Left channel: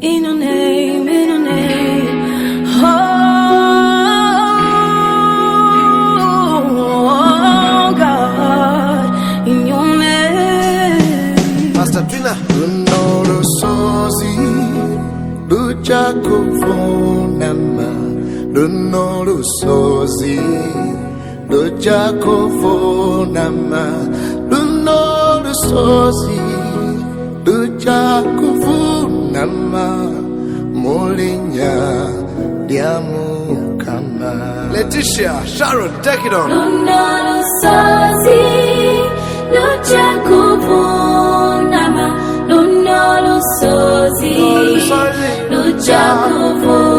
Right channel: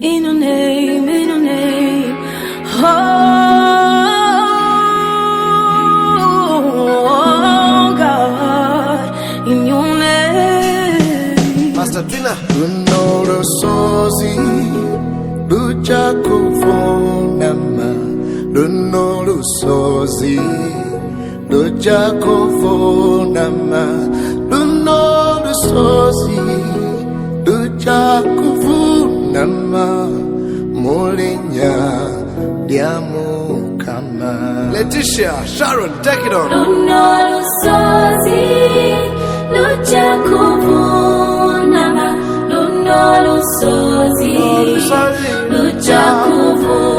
in your name, in your name. Oh, God, in your name. Pastor Twina. Lunoro sozi, lucha kuvunama. Lunoro sozi, lucha kuvunama. Lunoro sozi, lucha kuvunama. Molinya diamu kama. Leticia, Sharon, take it on. Lunoro sozi, lucha kuvunama. Lunoro sozi, lucha kuvunama.